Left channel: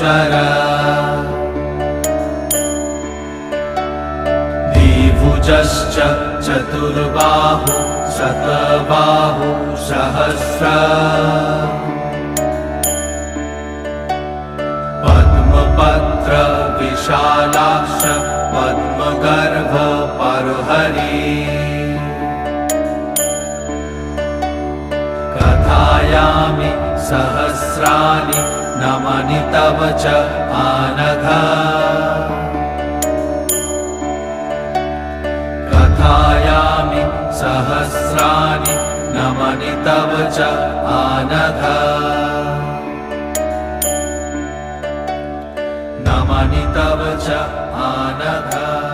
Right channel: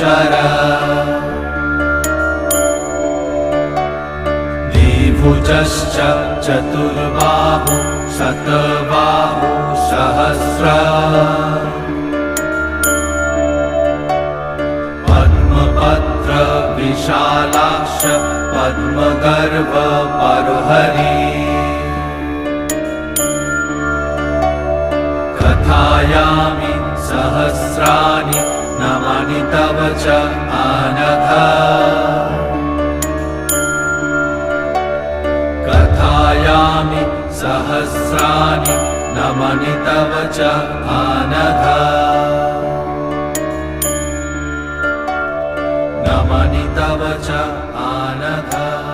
महेश्वर द्विभुजश्च चतुर्बाहु शतबाहु सहस्र पद्मपत्र विशालाक्ष पद्मगर्भ परहरि कथायामि सहस्राणि नमानि तव च आनघ कथायामि सहस्राणि नमानि तव च आनघ नमानि तव च आनघ।